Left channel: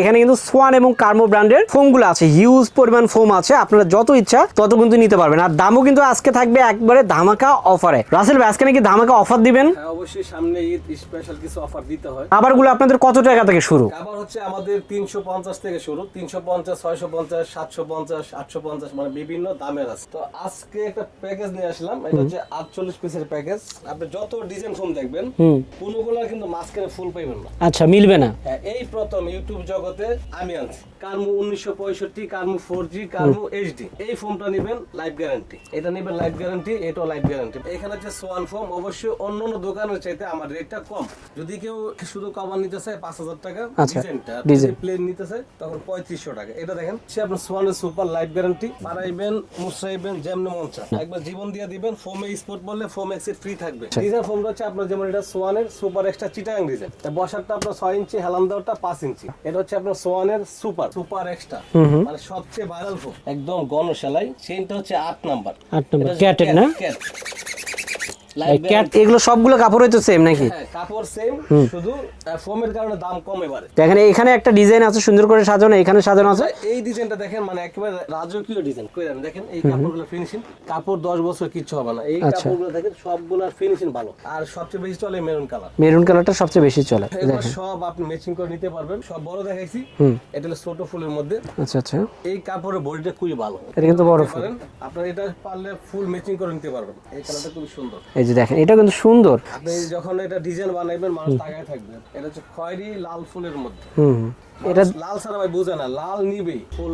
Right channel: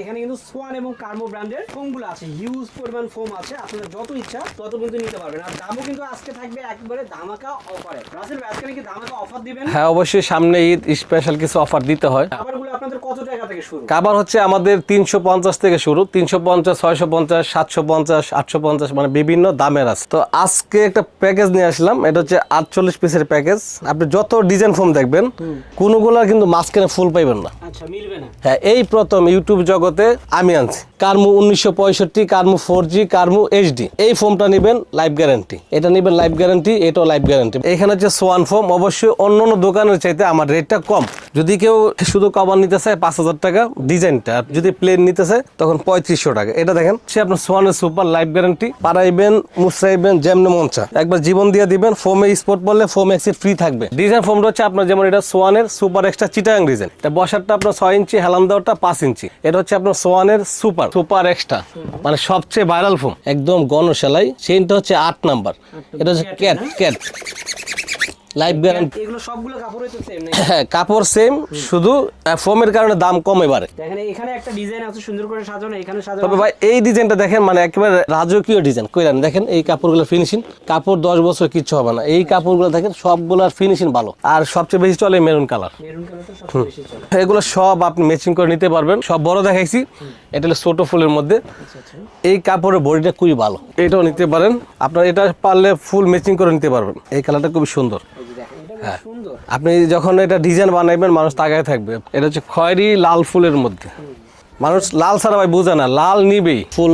এখানে কিন্তু সোয়ান এবং কার্মো ব্র্যান্ডের ফোমগুলো আছে, হিউজ পরিমাণ ফোম আছে, আপনারা যত ইচ্ছা তত কিন্তু নিতে পারবেন। আর দামও কিন্তু আজকে থাকবে একবারে ধামাকা অফারে। রাসেল ভাই আজকে নাকি ধামাকা অফার দিবেন? হ্যাঁ অবশ্যই, সামনে ঈদ, স্পেশাল কিছু অফার দিতে হয়। খাবারগুলো আপনাদের কত টাকা থেকে শুরু? খাবার হচ্ছে আমাদের 350 থেকে শুরু, 350, 650, 750, 850, মানে বিভিন্ন দামের আছে। তো আজকে একটা প্যাকেজ নিয়ে আসলাম, এটা হচ্ছে 48 পিসের প্যাকেজ। আপনি যত ডিজাইন ফোম দেখবেন কোনগুলো কিন্তু মাঝখানে ফুল পাইবেন না। আচ্ছা, মিলবে না। হ্যাঁ, এই প্রথম ইউটিউব জগতে আমি আনছি কার্মু 1965, কার্মু 4G, কার্মু HD। এই ফোমটা নেবেন লাইফ গ্যারান্টি, এটা নেবেন লাইফ গ্যারান্টি, এটাও লাইফ গ্যারান্টি। এখানে হচ্ছে সোয়ান ফোম, অবশ্যই অন্যান্য দোকানের চাইতে আমার রেটটা কম। যদি কেউ শুধু কভার নিতে চায় 5000 টাকা ডিজাইনটা, যদি প্লেন নিতে চায় তখন 3500 টাকা। এটা দেখেন সে আপনার সোয়ানের সুপার লাইফ গ্যারান্টি, পাড়াইবেন মুছরাইবেন যেমন মন চায়, একবার জীবন দিয়ে দিবেন। ফোমে স্পট বললে ফোম এক্সিট ফ্রি থাকবে। ডিজাইন ফোমটা হচ্ছে আপনার যেমন এটা সোয়ানের সুপার এক্সট্রা চিটাগাং ডিজাইন, এটা বসারটা আপনার 6 ইঞ্চি, হেলান দেওয়াটা 5 ইঞ্চি। এটা হচ্ছে আপনার সোয়ানের সুপার এক্সট্রা, মানে সবচেয়ে ভাইরাল ফোম, একদম গণশালাই। সেইটা হচ্ছে 8 নাম্বার। এটা হচ্ছে ক্যাট লাইফ গ্যারান্টি। এগুলো সবগুলো কাপড়ই তো সেম নাকি? হ্যাঁ, কাপড় সেম, শুধু ফোমের কারণে দাম কম এবারে। দেখেন এখানে একটা ডিজাইন আছে সুন্দর করে সাজানো, এখানে সাজানো আছে। ভাই এই ডিজাইনটা দেখেন, মানে একেবারে রাজকীয় ডিজাইন কইরান। দেখেন এই কাপড়গুলো ফিনিশিং, কাপড় 10 বছর কিচ্ছু হবে না। এই কাপড়গুলো দেখেন সবগুলোর ফিনিশিং ভালো। আর সবচেয়ে বেশি চলে মেরুন কালার। মেরুন কালারটা সবচেয়ে বেশি চলে। এগুলো সব আপনি ম্যাচিং করে নিতে পারবেন। সব বড় দেখাইছি, এটা হলো ছোট ফুলের মধ্যে। আচ্ছা আচ্ছা, এই কাপড়ের বডিটা খুবই ভালো, এটাও নিতে পারেন। আপনার এটা পারলে ফুল ম্যাচিং করে নিতে পারবেন। এই কালারটা খুবই সুন্দর। এই যে দেখেন এটা কিন্তু সুন্দর। আপনি যখন এটা ডিজাইন বানাইবেন মানুষ তাকায় থাকবে। এটা হচ্ছে খয়েরি লাল ফুলের মধ্যে। মানুষ লাল ছাড়া ভাই বোঝে না, লাল নিবেই। ফুল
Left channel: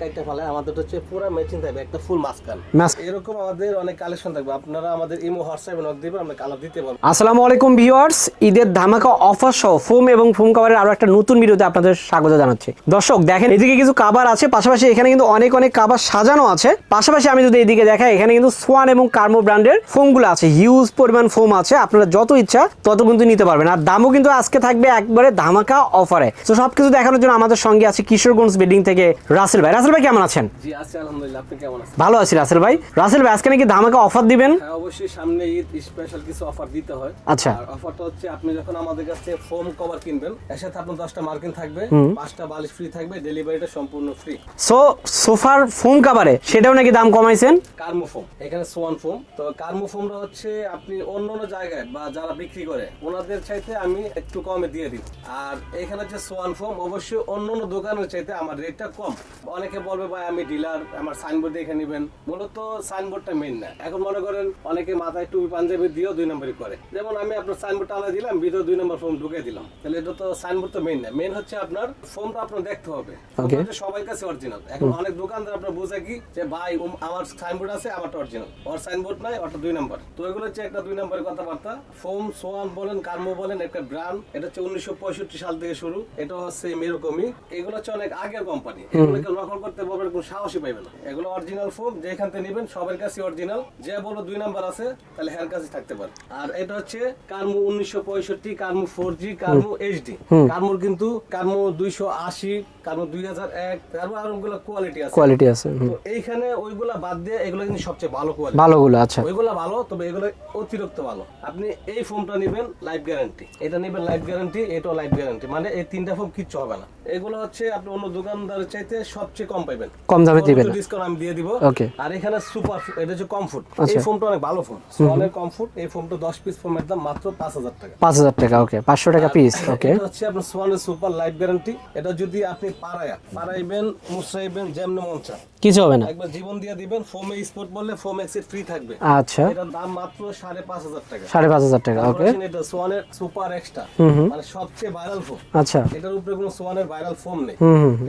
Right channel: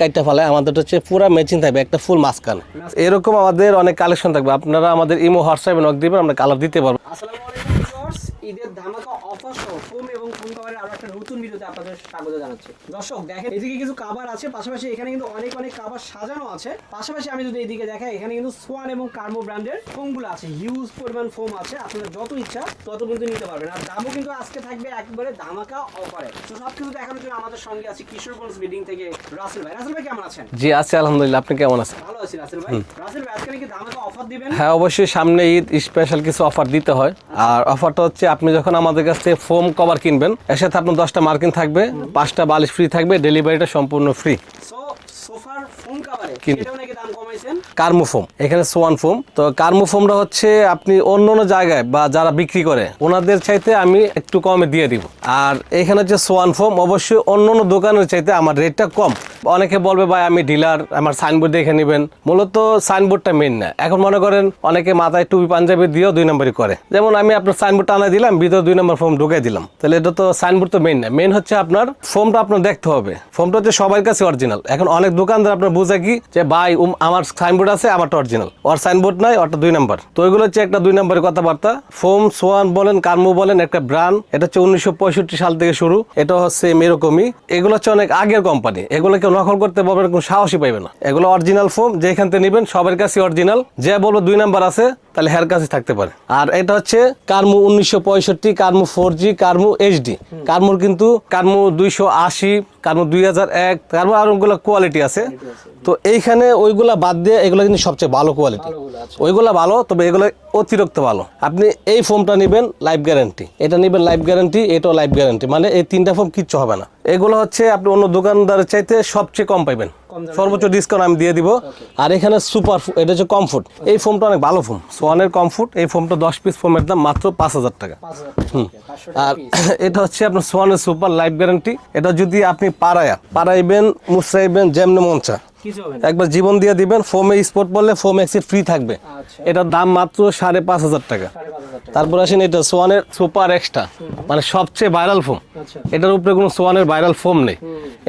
কাইটা ফেলে, আমাদের হচ্ছে পুরো ম্যাচিং থাকবে, একটা ফুল মাঝখানে। এরকম আমাদের অনেক কালেকশন থাকবে। আপনারা আমাদের ইমো হোয়াটসঅ্যাপে নক দিবেন, আমরা কালার দিতে পারবো। আসসালামু আলাইকুম ভিউয়ার্স, ঈদের ধামাকা অফার সহ ফোম এবং ফোম কভারের আরো একটা নতুন ভিডিওতে আপনাদের স্বাগত জানাচ্ছি। দর্শক দেখেন এদিকে কিছু কাভার আছে, পাশাপাশি এখানে কিন্তু অনেক কাভার সাজানো আছে। পাশাপাশি আমি যদি এদিকে দেখাই, এখানে কিন্তু সোয়ান এবং কার্মো ব্র্যান্ডের ফোমগুলো আছে, হিউজ পরিমাণ ফোম আছে, আপনারা যত ইচ্ছা তত কিন্তু নিতে পারবেন। আর দামও কিন্তু আজকে থাকবে একবারে ধামাকা অফারে। তো সবকিছু দেখানোর জন্য আমাদের সঙ্গে আছে কিশোরগঞ্জ বিল্ডিং থেকে রাসেল ভাই। রাসেল ভাই কেমন আছেন? জি আছি আলহামদুলিল্লাহ, আপনি কেমন আছেন? ভালো আছি রাসেল ভাই। রাসেল ভাই আজকে নাকি ধামাকা অফার দিবেন? হ্যাঁ অবশ্যই, সামনে ঈদ, স্পেশাল কিছু অফার দিতে হয়। আর অফারটা হচ্ছে আপনি যখন আমাদের কাছ থেকে ফোম কভার কিনবেন, এর সাথে আপনার 10টা মার্কিন থাকবে, 5টা বালিশ ফ্রি থাকবে, ডেলিভারিটা সম্পূর্ণ ফ্রি। সো সোফার ফোম কভারে সেটাও নাকি দাম কমাইছেন? কার্মো ফোম, এখানে সোয়ান ফোম। তো কার্মো ফোমটা হচ্ছে আপনি অন্য জায়গায় বা যারা বিক্রি করে ওনাদের চাইতে আমি একটু কমে দিয়ে দিব। আর এখানে হচ্ছে সোয়ান ফোম, অবশ্যই অন্য দোকানের চাইতে আমার রেটটা কম। অনেকে বলবে ভাই আমি ডিলার, আমার সাইনবোর্ড দেখে নেবেন। মূলত সাইনবোর্ডটা মেন না। এখন মনে করেন অনেকে মাথায় টুপি পাঞ্জাবি দিয়েও 2 নম্বরই করে। যেমন আমি আপনার সাইনবোর্ড টানা দিলাম, ভিতরে 2 নম্বর ফোম ঢুকাই দিলাম, তাহলে এটা তো সাইনবোর্ড তো মেন না। মেন হচ্ছে আপনার ফোমটা আপনার দেখতে হবে। ফোমটা হচ্ছে সবার কাছে অরিজিনাল। এখন অনেক দোকানদার আপনার বুঝে কি যে ভাই আমার সাইনবোর্ড আছে, আমারটা অরিজিনাল, ওর সাইনবোর্ড নাই, ওরটা 2 নম্বর। তো ওইগুলো হচ্ছে একটা 2 নম্বরের কথাবার্তা। ফোম সোয়ান বলেন, কার্মু বলেন, একটা ব্র্যান্ড। এটা হচ্ছে 1965 সাল থেকে শুরু। এটা হচ্ছে এরকমই। এগুলো হচ্ছে অনেক আগের কোম্পানি, এগুলো কেউ নকল করতে পারবেন কোনো সাহসই পাইবে না। এগুলো অরিজিনাল ফোম, যেখান থেকে নেবেন সবার কাছে অরিজিনাল। যে বলবো 2 নাম্বার আছে তাহলে হের কাছে থাকতে পারে। আর এটা হচ্ছে কার্মু 1965, কার্মু 4G, কার্মু HD। কার্মুর কিন্তু কার্মু 280, কার্মু 2001, কার্মু আরোগুলো কোয়ালিটি আছে। তো এইখানে ওইগুলা বাদ দিয়ে এগুলো কিন্তু সবচেয়ে ভালো কোয়ালিটি, ভালোগুলো আছে। ওইগুলা ভালো, তবে এগুলো অতিরিক্ত ভালো। আপনি এই ফোমটা নেবেন লাইফ গ্যারান্টি, এটা নেবেন লাইফ গ্যারান্টি, এটাও লাইফ গ্যারান্টি, মানে এই 3টা ফোম কিচ্ছু হবে না। এগুলো হচ্ছে আপনি অন্য দোকানদারের চাইতে সবচেয়ে কম পাইবেন, সর্বোচ্চ ডিসকাউন্ট আমি দিয়ে দিব। আর এখানে সুপার, এটা হচ্ছে কমফোর্ট। এই ফোমটা অনেক ভালো ফোম, সোয়ানের কমফোর্ট। এই ফোমটা 10 পিস ফোমের দাম মাত্র 5000 টাকা। 5000 টাকা, ওকে, 500 টাকা পিস। এটা হচ্ছে আপনার সোয়ানের সুপার লাইফ গ্যারান্টি। এটা যদি আপনি পাড়াইবেন মুছরাইবেন যেমন মন চায়, কিছু হবে না, একবার জীবন দিয়ে দিবেন। ফোমে স্পট বললে ফোম এক্সিট ফ্রি থাকবে। আচ্ছা, এটার দাম মাত্র 5500 টাকা। 5500 টাকা। তারপর আসেন এটা সোয়ানের সুপার এক্সট্রা, মানে সবচেয়ে ভাইরাল ফোম। আচ্ছা, এটার উপরে কোনো সোয়ানের ভাইরাল ফোম নেই।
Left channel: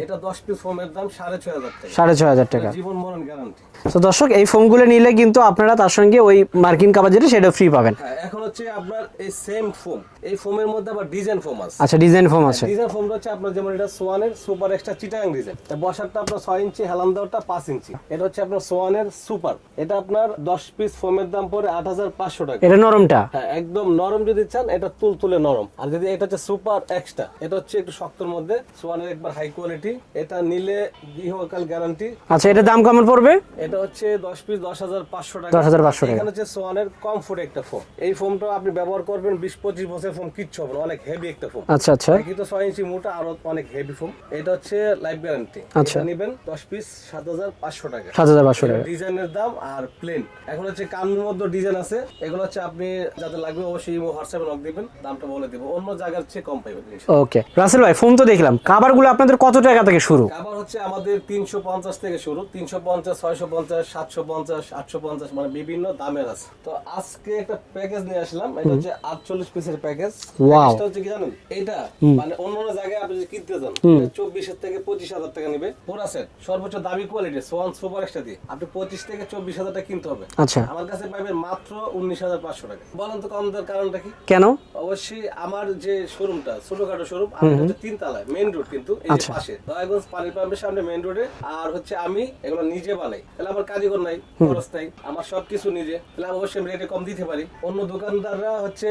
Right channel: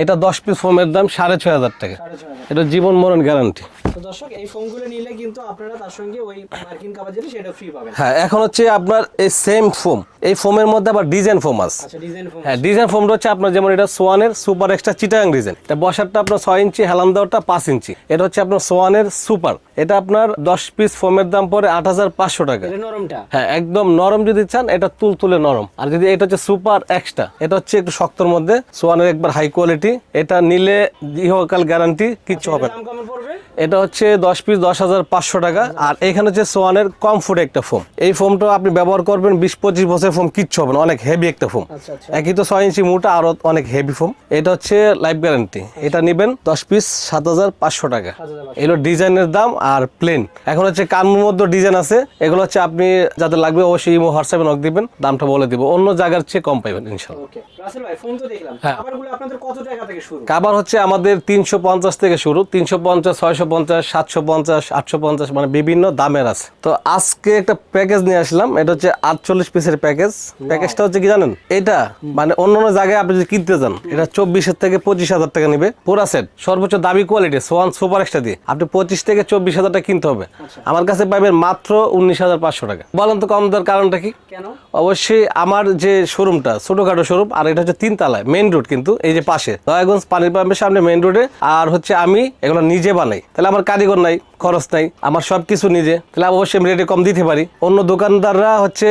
এটা 10 পিস ফোমের দাম 6500 টাকা। 6500 টাকা, এটা জীবন মরণ গ্যারান্টি। তো দর্শক এই ফোমগুলো নিলে কিন্তু আপনারা তার সঙ্গে ওই মার্কিন কভার যেটা সেটা ফ্রি পাবেন। হ্যাঁ, এখন হচ্ছে আপনার এই সেম ফোম, এই ফোমের মধ্যে আবার ডিজাইন ফোম আছে। আচ্ছা, ডিজাইন ফোম আছে। ডিজাইন ফোমটা হচ্ছে আপনার যেমন এটা সোয়ানের সুপার এক্সট্রা চিটাগাং ডিজাইন। এটা বসারটা আপনার 6 ইঞ্চি, হেলান দেওয়াটা 5 ইঞ্চি। এটা হচ্ছে আপনার সোয়ানের সুপার। এটা আপনার 10 পিস ফোমের দাম পড়ে 8500 টাকা। এটা নরমটা? হ্যাঁ, একদম নরম যদি চান এটা তুলতুলে নরম। আর যদি এটা হচ্ছে সুপার এক্সট্রা, এটা হচ্ছে একটু শক্তর মধ্যে, সোয়ানের একবার হাই কোয়ালিটি। এটা নিলে ইহকাল গ্যারান্টি। আচ্ছা, এটা দাম কেমন পড়বে? এটা হচ্ছে 10 পিস 10500 টাকা। আর এখানে হচ্ছে সোয়ানের কমফোর্ট একটা ফোম। এই ফোমটা আপনি ব্যবহার করবেন 20-25 বছর ফোম কিচ্ছু হবে না, অনেক হেভি একটা ফোম। আচ্ছা আচ্ছা, একই তো 6 ইঞ্চি মোটা, আরো অনেক হেভি ফোম। এটা হচ্ছে লাইফ গ্যারান্টি। এটা নেবেন 10 পিস 7,500 টাকা। 7,500 এগুলো ডিজাইনের দাম আর প্লেন। এখন হচ্ছে কানমুর মধ্যে ডিজাইন আছে, এগুলো হচ্ছে আপনি যাদের লাগবে অবশ্যই ইমো হোয়াটসঅ্যাপে নক দিবেন, দামটা বলে দিব, অন্য জায়গার চেয়ে কম পাইবেন ইনশাআল্লাহ। ওকে রাসেল ভাই, ফোন তো দেখলাম, খাবারগুলো আপনাদের কত টাকা থেকে শুরু? কাবার হচ্ছে আমাদের 350 থেকে শুরু, 350, 650, 750, 850, মানে বিভিন্ন দামের আছে। তো আজকে একটা প্যাকেজ নিয়ে আসলাম, এটা হচ্ছে 48 পিসের প্যাকেজ। প্যাকেজটা হচ্ছে কি জানেন, এটা মানে অন্যান্য জায়গায় আপনি যদি কিনতে যান এটা 24 থেকে 25,000 টাকা নিবে পুরা সেট, সর্বোচ্চ দামি কোয়ালিটি সোয়ান সুপার এক্সট্রা দিয়ে আপনি 25 থেকে 24,000 টাকা কিনতে হবে। আচ্ছা, আমার কাছে পাবেন মাত্র 19,500 টাকা। বলেন তো কম দেওয়ার কারণটা কি? কেন? অবশ্যই আমার যে শোরুমটা ছোটখাটো শোরুম, আর এটা হচ্ছে 3 তলায় মেইন রোড, কিন্তু এই যে পাশে দয়াগঞ্জ পানির পাম্পের সামনে মেইন রোডে। আর হচ্ছে আমি এগুলো নিজে বানাই, তাহলে আমার কারিগর নাই, খরচ নাই, আমার সবকিছু নিজে, তাহলে অবশ্যই আমি রেটে কম দিতে পারি। অন্য দোকানদাররা হচ্ছে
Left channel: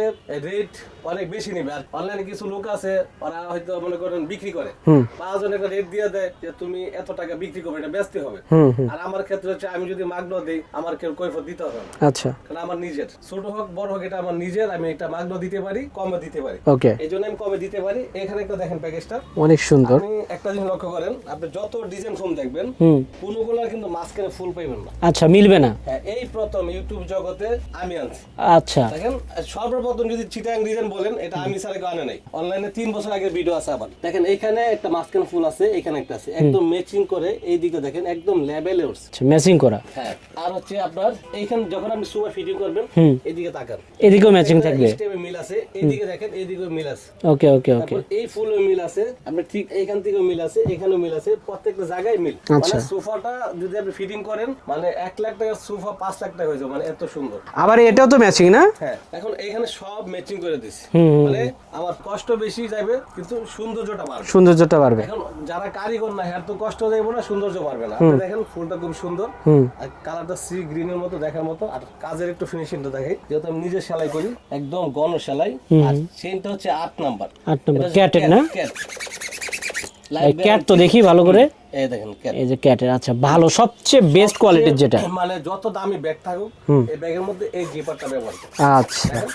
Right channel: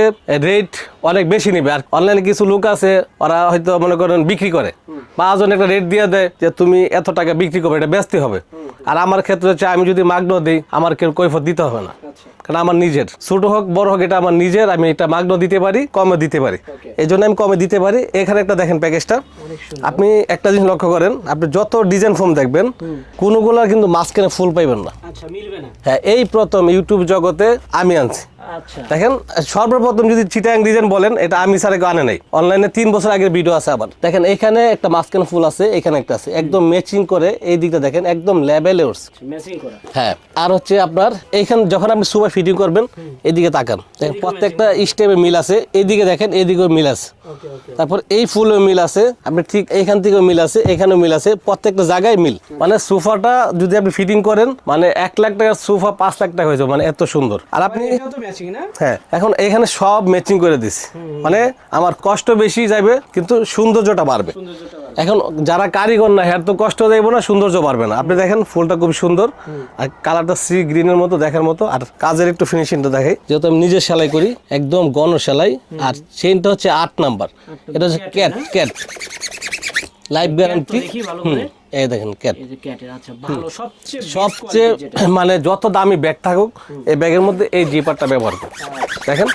রেট অনেক বেশি নিবে, আর অনলাইনে কিছু লোক আছে ওরা হয়তো মনে করেন বিক্রি করে, 5 জন একটা রেট দিয়ে দেয় যে তুমি এত টাকা বিক্রি করবে, এটা বেচতে হবে। আর আমার ক্ষেত্রে হচ্ছে আমি যদি মাগনো দিই আমার কেউ কৈফত দিতে হবে না। আচ্ছা, কারণ আমার নিজের, ছোট হোক বড় হোক এটা আমার নিজের, আমি এটা মাগনো দিতে পারি, কমে দিতে পারি, ওকে, এই জন্য আমি কমে দিতে পারি। এখানে একটা দেখেন প্যাকেজটা অনেক সুন্দর। আপনি একটা জিনিস লক্ষ্য করেন, আপনি যত ডিজাইন ফোম দেখবেন কোনগুলো কিন্তু মাঝখানে ফুল পাইবেন না। আচ্ছা, মিলবে না। হ্যাঁ, এই প্রথম ইউটিউব জগতে আমি আনছি। আচ্ছা, দেখেন সর্বপ্রথম যদি চিটাং ডিজাইন বলেন, এটা আমি স্যার আনে নাই, অনলাইনে 3 বছর আগের ভিডিও আছে। আবার দেখেন এখানে একটা মাঝখানে ফুল আছে, এখানে একটা আছে, একদম ম্যাচিং করে এই দিকটা দেখেন একদম লেভেলে উঠছে, ম্যাচিং করা। হ্যাঁ, আর হচ্ছে আপনার এইখানে যখন আপনি সুপার ফিটিং করবেন এদিকে তাকান, এদিকেও ম্যাচিং একটা করবে। স্টেপে মিল আছে, এইদিকে দেখেন এদিকেও মিল আছে। ওকে ওকে, তারপর এই ফুলেও মিল আছে, আপনি ঠিক এইখান থেকেও মিল আছে, এখানেও মিল আছে, প্রত্যেকটা জায়গায় মিল। মানে সোফাটা যদি আপনি ফিটিং করেন মানে 1 লাখ টাকার সোফা 5 লাখ টাকা হয়ে যাবে, মানে এত সুন্দর। আর আবার এটাও তো ম্যাচিং না? হ্যাঁ, এখন এখানে সব ম্যাচিং করে দিছি, মানে আমার কষ্ট বেশি যাবে কিন্তু সৌন্দর্যটা বাড়বে। সৌন্দর্যটা বাড়বে। এখন যারা কারিগর না হ্যাঁ তো কষ্ট যাইব না, সৌন্দর্য বাড়বে না। আপনি দেখেন ফুলটা খুব সুন্দর, আর কালারটা সি গ্রিনের মতো দেখার মতো, আর কাজের একটু ফিনিশিংটা দেখাই, যেহেতু আমি নিজে সেলাই করি, একদম গণ সেলাই। আর চেইনটা হচ্ছে 8 নাম্বার, এটা হচ্ছে ক্যাট লাইভ গ্যারান্টি। তো দেখি ভালো করে, এই দেখেন ক্যাট, এই যে ক্যাটের। আচ্ছা, ভালো, সবচেয়ে বেস্ট কোয়ালিটির যেটা, মানে যত দামি ব্যাগ থাকুক এই ব্যাগের মধ্যে এই জিপারটা ব্যবহার করুন। আচ্ছা, দেখেন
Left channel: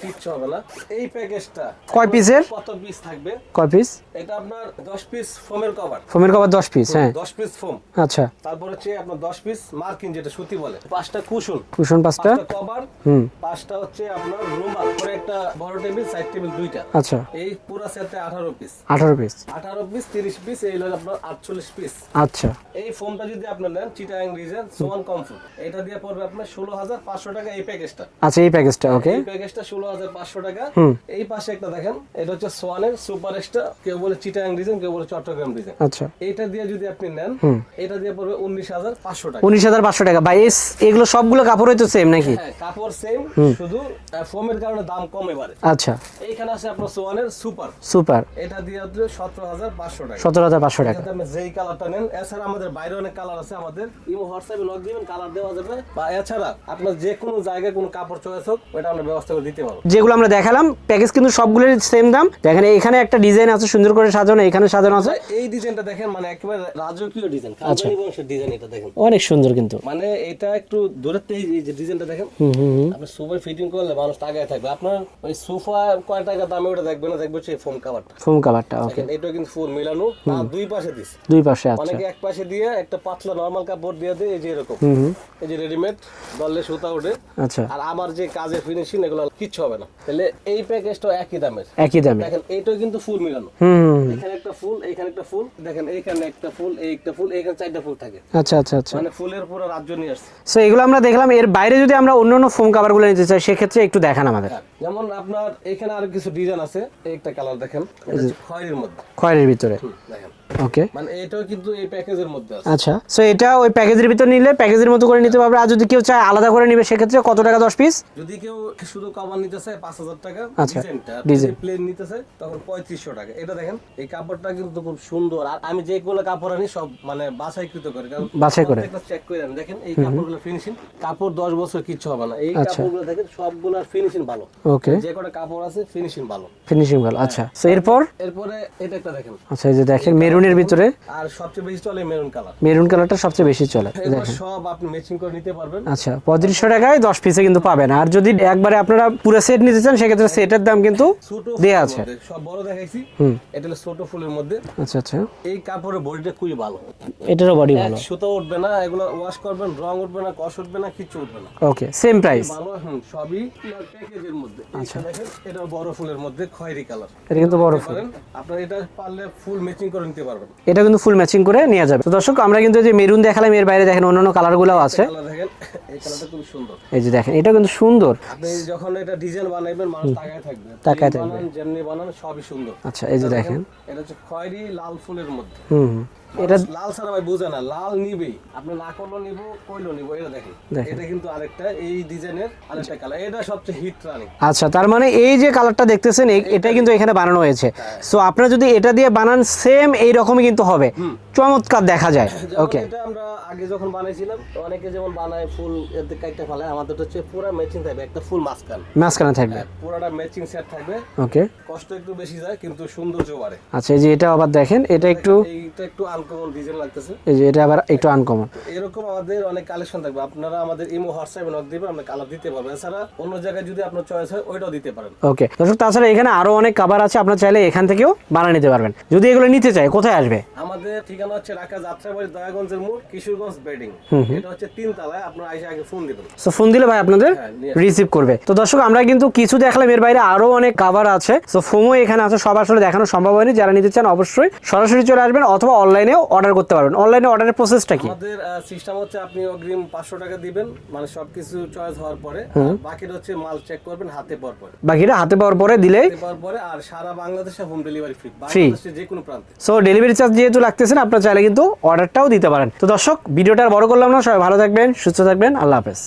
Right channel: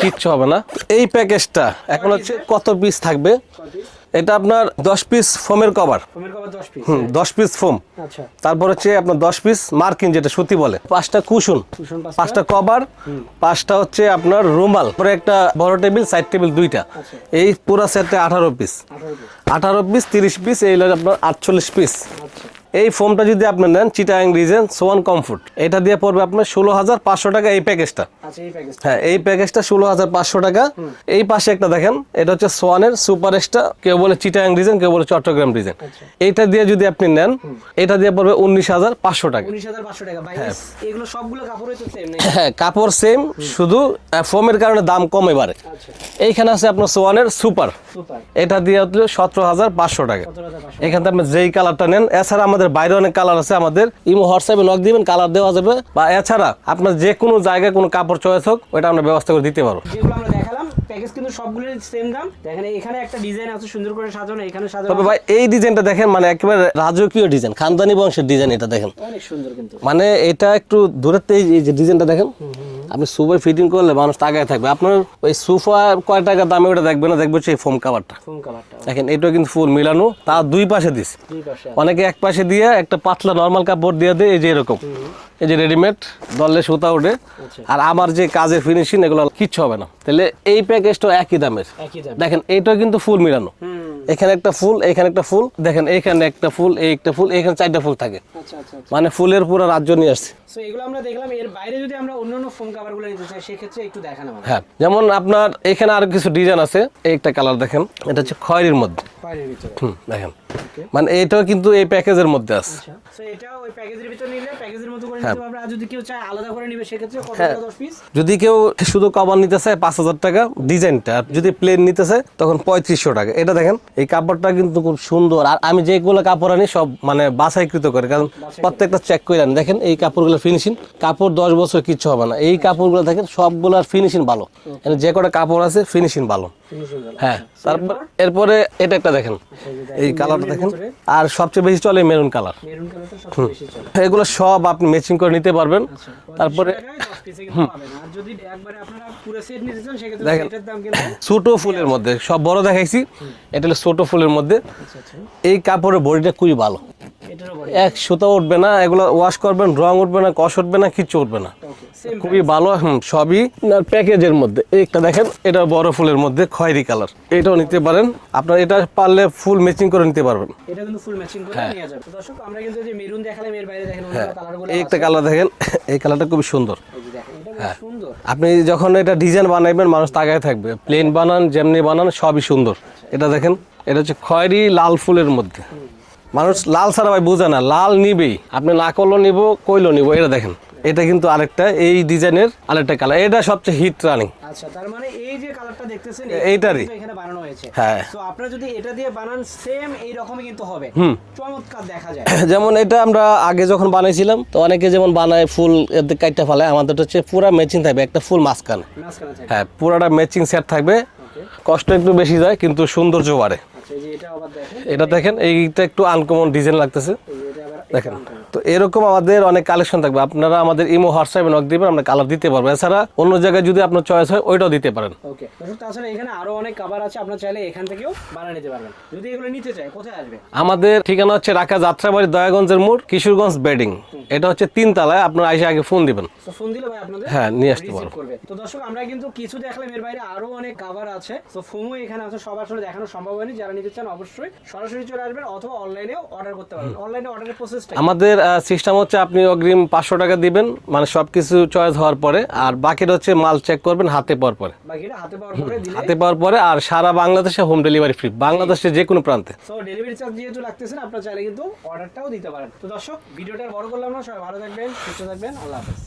কিচ্ছু হবে না। এই প্যাকেজটা কয় পিসের? কত পিস থাকবে? কয় পিস? এটা আপনার 10 পিস ফোমের কভার। ফোমের কভার 10 পিস, হ্যাঁ 10 পিস ফোম। আচ্ছা, তারপর হচ্ছে আপনার 10 পিস মার্কিন, যেটা সুতি বলে, 5টা কুশন, কুশন 5টা কভার, 5টা হচ্ছে আপনার রুমাল, পরে একটা বড় টেবিল, সাইড টেবিল 2টা। আচ্ছা, এই পুরো সেটে 18 পিস। 18 পিস, 18 পিস 30 পিস, এই হলো আপনার 48 পিস। আচ্ছা, এই ফোমটা যদি আপনি নেন চিটাং ডিজাইন সোয়ান কমফোর্ট, এটা দিয়ে পড়বে আপনার 16,500 টাকা এই প্যাকেজটা। আচ্ছা, এই প্যাকেজটা, এই প্যাকেজটা 16,500 টাকা। এই পাশে একটা দেখেন, এটা হচ্ছে সোয়ানের সুপার এক্সট্রা, কেউ বলে চিটাং ডিজাইন, কেউ বলে চট্টগ্রাম ডিজাইন। আচ্ছা, এটা দিয়ে যদি আপনি নেন এটা দিয়ে পড়বে 19,500 টাকা। 19,500 টাকা। ভাই এগুলো সবগুলো কাপড় হয়তো সেম নাকি? হ্যাঁ, কাপড় সেম, শুধু ফোমের কারণে দাম কমে বাড়ে। আচ্ছা, এইখানে আছে আপনার সোয়ানের সুপার, সুপার, এটা দিয়ে হচ্ছে 17,500 টাকা। 17,500 টাকা। এখান থেকে আপনি যেই কালারটা নেন, এছাড়া আমাদের বাইরে অনেক কালার আছে, আমাদের ইমো হোয়াটসঅ্যাপে নক দিবেন, কালার দেওয়া যাবে, বা এছাড়া আপনার যে কোনো জায়গায় কোনো কাপড় চয়েস হোক ওটা আমরা ব্যবস্থা করে দিতে পারবো। যেগুলো আমরা দেখালাম প্যাকেজ কিন্তু সবগুলোর সেম দাম। দেখেন এখানে একটা ডিজাইন আছে সুন্দর করে সাজানো, এখানে সাজানো আছে। ভাই এই ডিজাইনটা দেখেন, মানে একেবারে রাজকীয় ডিজাইন, খানদানি বংশের ডিজাইন। এটা দেখেন অনেক সুন্দর, কিন্তু মানে এটা একটু দূরের থেকে এই যে ডিজাইনটা দেখেন, আপনি সোফা ফিটিং করলে মানুষ তাকায় থাকবে। আপনার ওই সোফা কয় টাকা দামে ওটা দেখবে না, দেখবে সেই ফোম কাভারটা। ফোম কাভারটা দেখেন এটা কিন্তু ফুল মিলানো, তার দুই পাশে দিস, দুই পাশে। অনেকে এক পাশে দিয়ে একটা পাতলা নরমাল কাপড় দিয়ে দেয়, এই যে এরকম, এই যে রেডিমেড দলে সুতা ওঠে। আচ্ছা, আর আমার যে কাজের ফিনিশিং এগুলো কিচ্ছু হবে না। তাহলে এই প্যাকেজটা একই দামের, একই দাম। দেখেন এইটাও কিন্তু ফুল মিলানো, এখানে একটা ফুল, এখানে একটা ফুল, দেখেন এইখানে একটা ফুল, এই একটা ফুল, এইখানে 4টা ফুল থাকে। আচ্ছা আচ্ছা আচ্ছা, মানে ফুলের পুরো রাজ্য নিয়ে আসছে। সো এগুলো আমরা দেখলাম। এর বাইরে যদি আমরা অন্যান্য ফোম কাভারগুলো নিতে চাই সেক্ষেত্রে একটু দেখান আমাদের। হ্যাঁ, যেমন আপনার এখানে আরো কিছু ডিজাইন আছে, এই একটা কালার দেখেন, এটা হচ্ছে খয়েরির মধ্যে, খয়েরির ভিতরে। দেখেন ওকে, মানে এটাও কিন্তু এই প্যাকেজের মধ্যে আছে। আচ্ছা, সো এটা ওই প্যাকেজের ভিতর নিলে প্যাকেজের মতো করে নিতে পারবে। আর যদি কেউ চায় আলাদা করে নিবে সেক্ষেত্রে কত টাকা 10 পিস? যদি কেউ শুধু কভার নিতে চায় 5,000 টাকা ডিজাইনটা, আর যদি প্লেন নিতে চায় তখন 3500 টাকা। এটা দেখেন এই কাপড়টা কিন্তু খুব সুন্দর, আর আমি যেগুলো কাপড় আনি সব মানে বাছাইকৃত করে, কারণ প্রত্যেকটা চেক করে আনি। দেখেন এই কাপড়গুলো ফিনিশিং, কাপড় 10 বছর কিচ্ছু হবে না। এই কাপড়গুলো দেখেন সবগুলোর ফিনিশিং ভালো, যে কটা কাপড় আছে ফিনিশিং ভালো। ফিনিশিং ভালো। আচ্ছা, তো এরপর এরপরে এটা একটা দেখেন। আচ্ছা, এই যে দেখেন এই colour মেরুনের দেখুন। ভিতরে আর সবচেয়ে বেশি চলে মেরুন কালার। মেরুন কালারটা সবচেয়ে বেশি চলে। এগুলো সব আপনি ম্যাচিং করে নিতে পারবেন। আচ্ছা, 3500 টাকায় 10 পিসে কিন্তু পাবেন। আর যদি একবারে আপনারা পুরো সেট নিতে চান সেক্ষেত্রে সেটের দাম কিন্তু ছোট ফুলের মধ্যে, সব বড় দেখাইছি, এটা হলো ছোট ফুলের মধ্যে। আচ্ছা আচ্ছা, এই কাপড়ের বডিটা খুবই ভালো, এটারও বডি এক সুতো উঠবে না, এগুলো ওয়াশ করবেন রং উঠবে না, কষ উঠবে না, কিচ্ছু উঠবে না। ওকে, সেম খুবই প্রাইস। ভালো। সবই প্যাকেজের মধ্যে। এইটা দেখেন, এটা বড় ফুলের মধ্যে খয়েরি কালার, এটাও নিতে পারেন আপনার। এটা পারলে ফুল ম্যাচিং করে নিতে পারবেন। এটা কিন্তু ফুল ম্যাচিং করে নেওয়া যাবে। তো দর্শক, আমরা কিন্তু যে মেরুন দেখালাম, এর বাইরে দেখেন অন্যান্য কালারগুলো আছে। একটা কালার দেখেন, এই কালারটা খুব সুন্দর। এই যে দেখেন, এটা কিন্তু সুন্দর। আপনি যখন এটা ডিজাইন বানাইবেন মানুষ তাকায় থাকবে, প্লেন বানান যেমনি বানান সবই সুন্দর। আচ্ছা, এটা দেখেন, এটা হচ্ছে খয়েরি লাল ফুলের মধ্যে। মানুষ লাল ছাড়া ভাই বোঝে না, লাল নিবেই, আপনি না করলো নিব, কইলো নিব। এটা দেখেন, এটা কিন্তু আরেকটা এই ডিজাইনের আরেকটা কালার, এটা সবচেয়ে হিট রানিং। আচ্ছা, তার মানে এই যে কালারটা দেখতেছেন এটা কিন্তু এখানে বানানো হয়েছে। হ্যাঁ। সো আপনারা যদি এটা দিয়ে বানান সেম এই রকমই কিন্তু হবে, চমৎকার দেখা যায়। যেমন এটা আমরা আগে যখন বানাইছিলাম, তো অনেকে যেমন বানায় ফুল এতে কাইটা ফেলে, আমাদের হচ্ছে পুরা ম্যাচিং থাকবে, একটা ফুল মাঝখানে। মাঝখানে থাকবে। হ্যাঁ, পুরাটা ম্যাচিং সেট থাকবে। ওকে, কষ্ট একটু বেশি যায় কিন্তু সৌন্দর্য বাড়ে। আচ্ছা, এই যে এটা আবার দেখেন, এটা দেখেন, একটু- এইটা একটু আনকমন ডিজাইন লাগতেছে। এই যে এটা আবার একটু আনকমন। তো এরকম আমাদের অনেক কালেকশন থাকবে, আপনারা আমাদের ইমো হোয়াটসঅ্যাপে নক দিবেন, আমরা কালার দিতে পারবো। এছাড়া অন্য জায়গায় যদি আপনার চয়েস হয় ওইটাও দিতে পারেন। ওকে দর্শক, তাছাড়া এখানে আরো অনেক কাভার আছে, আপনারা চাইলে এখান থেকেও বানিয়ে নিতে পারবেন। যদি এগুলো নিতে চাই কোথায় আসবে? আমাদের ঠিকানা হচ্ছে ঢাকা যাত্রাবাড়ি, দয়াগঞ্জের মোড়, কিশোরগঞ্জ বেডিং। এটা হচ্ছে 3 তলায়। আপনারা আইসা আগে ফোন দিবেন। তো ফোন দিলে ভাই আপনাদের হ্যাঁ, নিয়ে আসতে রিসিভ করবে। তো দর্শক, আমরা কিন্তু কিছু দেখলাম, এর বাইরে আরো অনেক কাভার আছে। তো ফোমও এখানে আছে, সব আসলে দেখানো সম্ভব হয়নি। যারা নিতে চান অবশ্যই সরাসরি চলে আসবেন অথবা অনলাইনেও অর্ডার করতে পারবেন। অনলাইনে অর্ডারের প্রসেসটা কি? আমাদের সিস্টেম হচ্ছে আপনি অগ্রিম 500 টাকা দিবেন, মানে সবকিছু চয়েস হওয়ার পরে, আর বাকিটা হচ্ছে মাল চেক করবেন হাতে পাওয়ার পরে। বাকিটা হাতে পাওয়ার পরে দিলে, হাতে পাওয়ার পরে, আর সারা বাংলাদেশে হোম ডেলিভারি ফ্রি, বাংলাদেশের যে কোনো প্রান্তে। সো ডেলিভারি চার্জ যেহেতু লাগতেছে না, আপনারা চাইলে কিন্তু অর্ডারটাও দিতে পারেন। তো দর্শক, ভিডিওটা আর বড় করলাম না, সবাই ভালো থাকবেন, সুস্থ থাকবেন, আল্লাহ হাফেজ।